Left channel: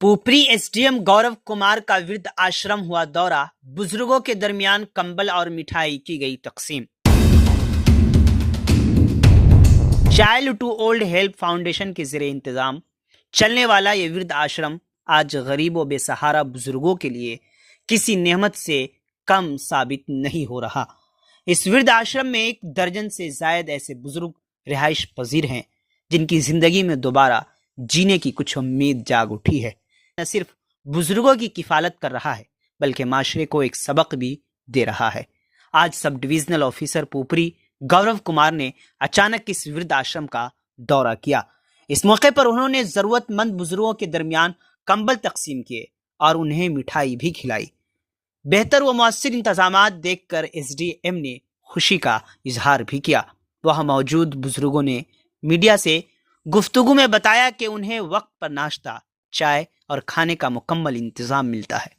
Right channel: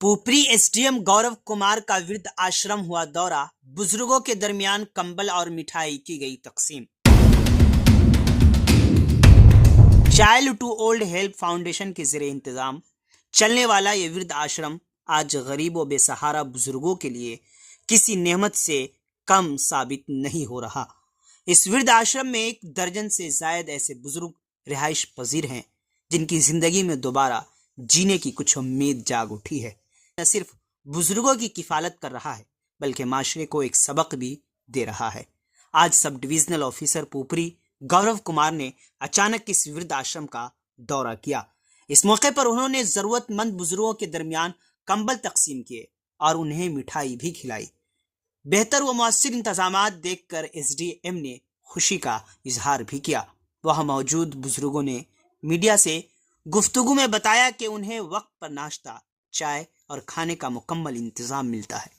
Pupri SDM Gaurav Kumar का वृद्ध आश्रम हुआ दौरा। बुजुर्गों के दरमियान कंबल और मिठाई की गई तकसीम। Child to Old Help Foundation के ज़रिए इंतजाम चलने वाला ये वृद्ध आश्रम आज गरीबों बेसहारा बुजुर्गों के लिए किसी नेमत से कम साबित नहीं हो रहा। इस वृद्ध आश्रम में 1 दर्जन से जायद ऐसे बुजुर्ग रिहाइश पजीर हैं जिनकी जिंदगी में दोबारा जीने की कुछ उम्मीद जाग उठी है। न सिर्फ बुजुर्गों की किफालत कर रहा है बल्कि माशरे को एक सबक भी दे रहा है। आज sub divisional officer Pupri Gaurav Kumar ने अचानक इस वृद्ध आश्रम का दौरा किया। इस मौके पर उन्होंने जरूरतमंद बुजुर्गों के दरमियान कंबल तकसीम किए और उन्हें मिठाई भी खिलाई। बेहतर व मौसर इंतजामात देखकर एसडीएम ने खुशी का इजहार भी किया। वह मौजूद बुजुर्गों ने मीडिया से गुफ्तगू में बताया कि उन्हें वक्त पर नाश्ता, चाय और खाने का मुकम्मल इंतजाम मिलता है।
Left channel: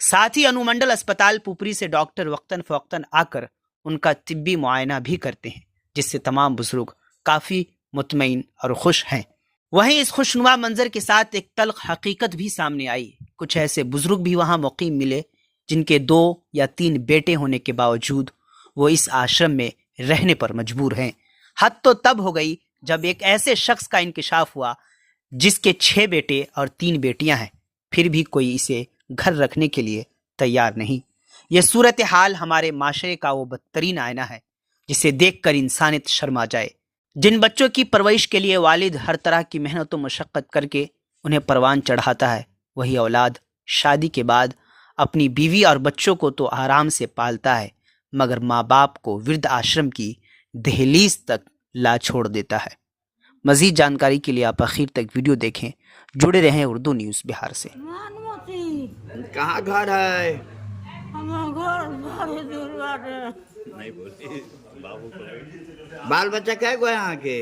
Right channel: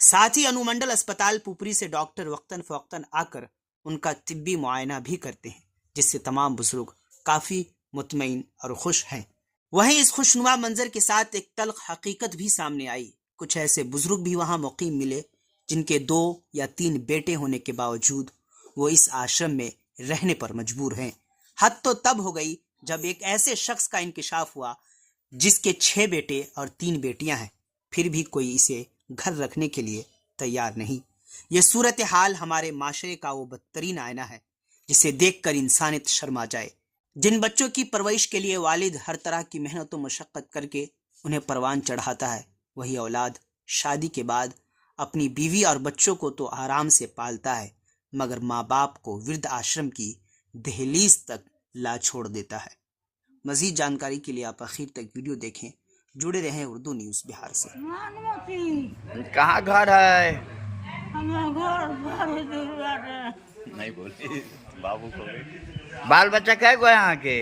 साथ ही अनुमंडल अस्पताल पुपरी से डॉक्टर वक्तन फवक्तन आकर उनका तिब्बी मुआयना भी करते हैं, जिससे तमाम बुजुर्ग काफ़ी मुतमईन और खुश हैं। वहीं इस खुशनुमा मंजर के साथ एक तल्ख हकीकत भी सामने आई। कुछ ऐसे बुजुर्ग भी वहां मुकीम मिले जिनके 2 या 3 बेटे होने के बावजूद वो इस आश्रम में रहने पर मजबूर हैं। हद तो तब हो गई जब एक ऐसे शख्स का इंकिशाफ हुआ जिसके 6 बेटे और 3 बेटियां हैं, फिर भी कोई इसे घर रखने के लिए तैयार नहीं। यह सूरत हाल हमारे माशरे का वो बदतरीन आईना है जिसे देखकर इंसानियत शर्मा जाए। जिन बच्चों की परवरिश के लिए वालिद हर तरह की मेहनत व मशक्क़त करके उन्हें परवान चढ़ाता है, वही औलाद शादी के बाद अपनी बीवी और बच्चों को तो आराम से पालता है, मगर माँ बाप को वृद्ध आश्रम की दहलीज तक ला छोड़ देता है। मजीद जानकारी के लिए आप आखिर तक वीडियो देखें। जुड़े रहें उर्दू न्यूज़ बिहार से। कहाँ घर है? नहीं बोली बाबू को। बाल बच्चा कै गो यहाँ के?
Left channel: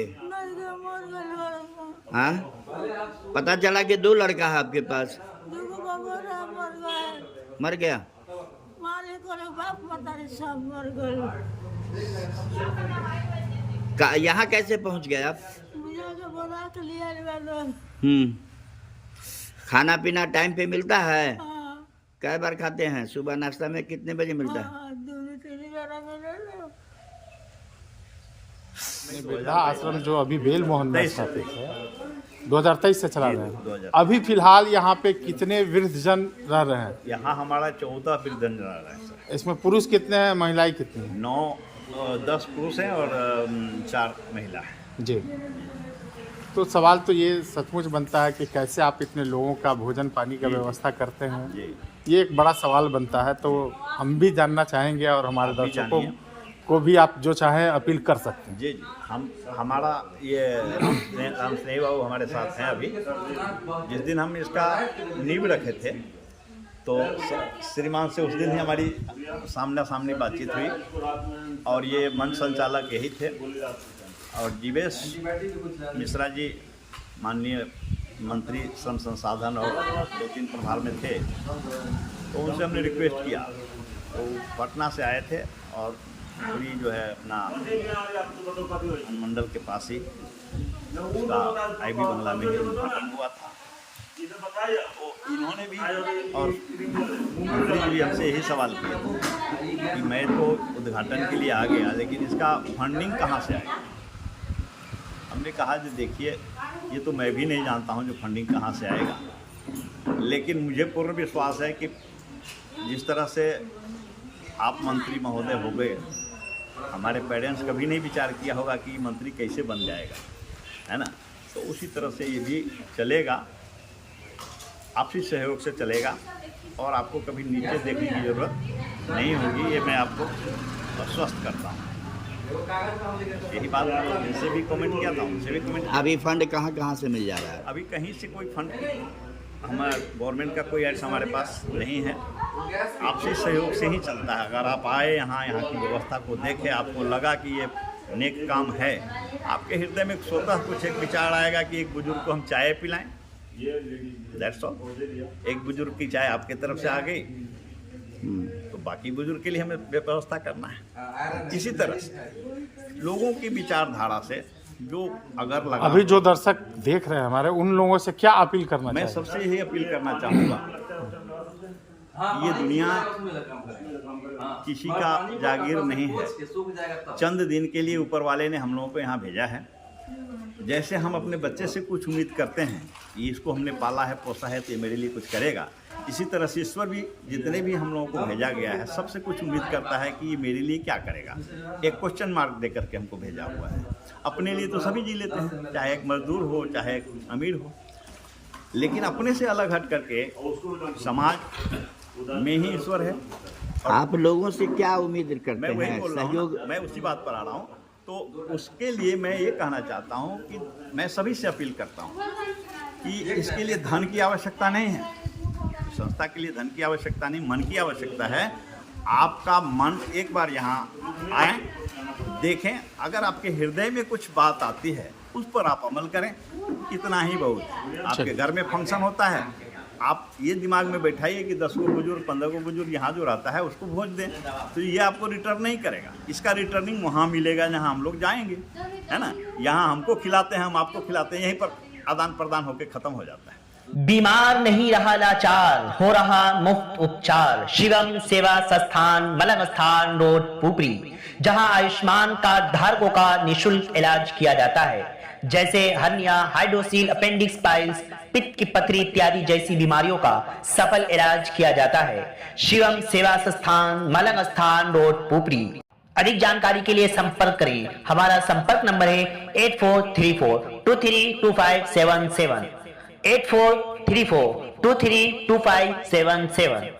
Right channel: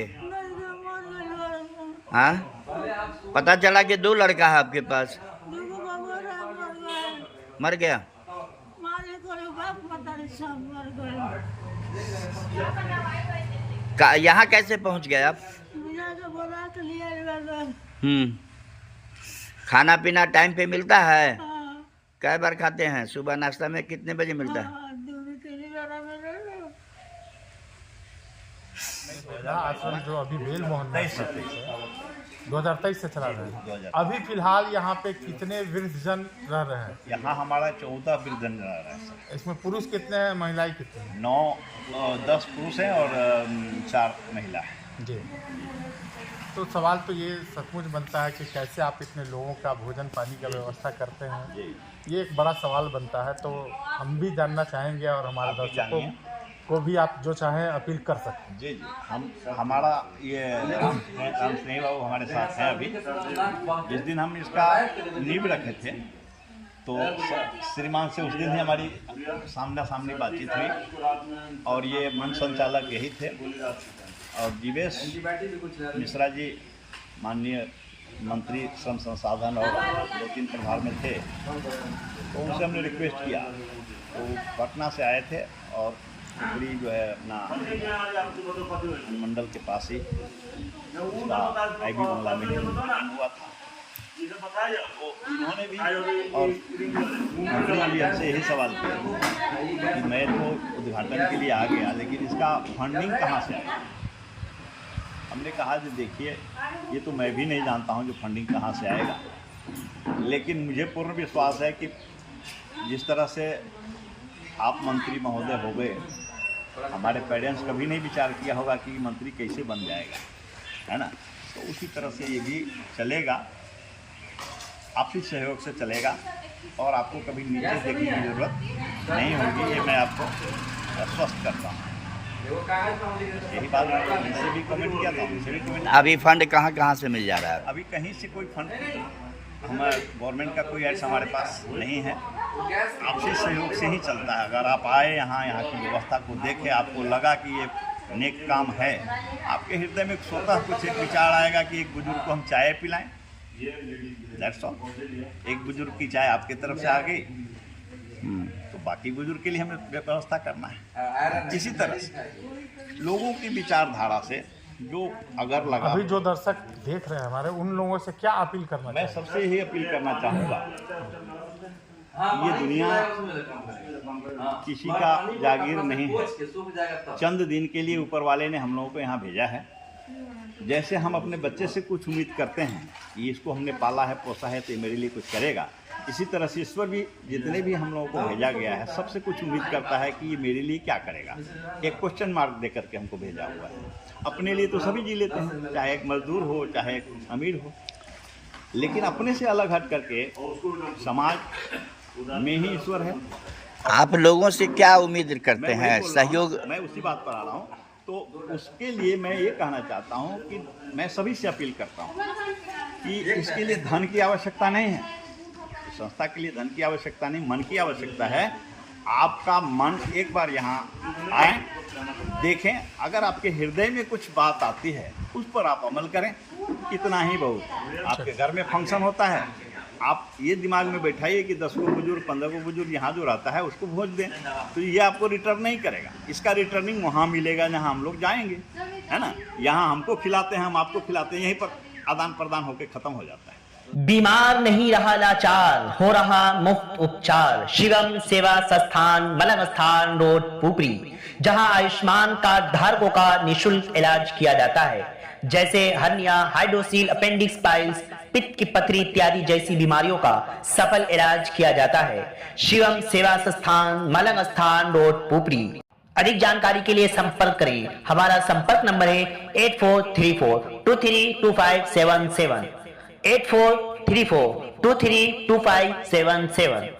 हाँ, पता चला कि 2 लड़का है आपके पास। मर गया? यहाँ कैसे पहुँच गए आप? खाना पीना टाइम पे मिलता है? कै बार खाते हैं? सुबह नाश्ता में कितने बजे मिलता है? आश्रम जो अभी बेल मोहन में 2023 से चला रहे हैं। अभी फिलहाल यहाँ पे कितने वृद्धजन रह रहे हैं? यहाँ हमारा 14 वृद्धजन रह रहा है सर। इसमें पुरुष कितने हैं, महिलाएं कितनी हैं? 10 पुरुष हैं और 4 महिला हैं जी। तो सवाल तो ये सचमुच बनता है कि कैसे आप इतने लोगों का भोजन पानी का व्यवस्था करते हैं। ये एक बड़ा सवाल बनता है। तो हम भी जानना चाहेंगे और हमारे दर्शकों को भी आप जो चाहें अपील कर सकते हैं। जी जी, हमारा ये राम स्नेही बाबू हमारे साथ हैं। अभी जिस दिन हम इसका नींव रखे थे तो श्रीमान से उस दिन ही हमारी सामना सामनी बातचीत हुई और ये मंच संचालक यही थे और जीवेश मिश्रा जी माननीय मंत्री श्रम संसाधन और 2-3 प्रभार में थे, तो उनसे हमने रिक्वेस्ट किया। तो पटना से आए थे और पुपरी जो है अपना अनुमंडल के पास ही उसका आईबी बंगला में ही उद्घाटन हुआ था। तो इन्होंने भी और मंत्री जी भी हमसे यही सवाल किए कि मैं तो उद्घाटन के लिए आ गया लेकिन इसका फंडिंग कहाँ से आएगा। हमने कहा कि देखिए ये तो मैं भी नहीं जानता हूँ जो फंडिंग कहाँ से आएगा, लेकिन मुझे पूर्ण विश्वास है कि जिस तरह से आप मंत्री महोदय हो गए, हमारे पेरेंट्स कभी नहीं विचार किया होगा कि मंत्री कैसे बन जाएगा, है ना। तो उसी तरह से ये भी चलेगा, आपसी सहयोग से चलेगा और आपको कभी नीचे देखने की ज़रूरत नहीं होगी, ये मैं आपको आश्वस्त करता हूँ। यही बात उनसे भी कमेंट किया था, उनसे भी कमेंट। अभी फंड कहाँ से मिल जा रहा है? अभी कहीं से कोई फंड हमारे गवर्नमेंट का कोई ऐसा हमारे पास नहीं है, आपसी सहयोग से ही चलता है। अगर आप आए यहाँ की व्यवस्था को देखें, आपको लगा कि ये नेक काम है, आपके हृदय में स्वतः कुछ एक विचार आएगा कि एक बुजुर्ग को हम चाय पिलाएं, दैट्स ऑल। एक बुजुर्ग की चाय आपके तरफ से आ गई तो बाकी बुजुर्ग के लिए हमें व्यवस्था करना है। इसी तरह से लोगों की विचारधारा से जो अगर लगा, अभी जो दर्शक देख रहे हैं हमारे, उन लोगों से क्या अपील करना मैं चाहिए? सबसे यही अपील करना चाहूँगा, ये दुनिया किसी का जागीर नहीं है। चंद दिन के लिए ऊपर वाले ने हम लोगों को यहाँ भेजा है। जैसे हम अपने बच्चे से कुछ उम्मीद करते हैं कि इसको हमने पाला है, पोसा है, तो ये मेरे लिए कुछ करेगा, इसी तरह से ईश्वर भी जितने भी हम लोगों को भेजा गया है सबसे कुछ उम्मीद करता है कि ये मेरे लिए क्या करेगा। एक क्वेश्चन मार्क दे करके हमको भेजा हुआ है। अपने लिए तो सभी जी लेते हैं, चाहे एक मजदूर हो, चाहे एक अमीर हो, लेकिन अपने से अलग हट करके समाज में ही ईश्वर है। आप लोगों से क्या उम्मीद करते हैं? सहयोग? मैं उसी बात पर आ रहा हूँ। तो उसके लिए मैं ये कहना चाहता हूँ कि मैं सभी से अपील करता हूँ कि इसके लिए धन की आवश्यकता नहीं है, संस्था के लिए धन की आवश्यकता नहीं, मन की आवश्यकता है। आपका मन एक बार यहाँ आए, देखें, अगर आपके हृदय में कुछ बात आती है उस पर आप अमल करें, इतना ही बहुत। आपके घर में फंक्शन होता है, आप ये दिमाग में बैठाइए कि 10 को बुजुर्ग, 15 को बुजुर्ग यहाँ जो रहता है उसको भोज दें, तो ये आपको रिटर्न नहीं करेगा। इसका रिटर्निंग वहाँ मिलेगा जहाँ हम लोग जाएंगे, है ना। यहाँ हमको खिलाते हैं, हम आपको खिलाते हैं, यहीं पर आदान प्रदान होकर खत्म हो जाता है। बीमार नहीं रहा लाचार, हो रहा मुफ्त उपचार। शिवम सेवा संस्थान, मलंग स्थान रोड, पुपरी, जहां आयुष्मान कार्ड धारकों का निशुल्क इलाज किया जाता है, जैसे हर्निया, हाइड्रोसील, अपेंडिक्स, पाइल्स, पित्त की पथरी इत्यादि जैसी बीमारियों का सफल इलाज किया जाता है। शिवम सेवा संस्थान, मलंग स्थान रोड, पुपरी। अधिक जानकारी के लिए संपर्क करें। हमारा संपर्क नंबर है 8434232577, 8434232577।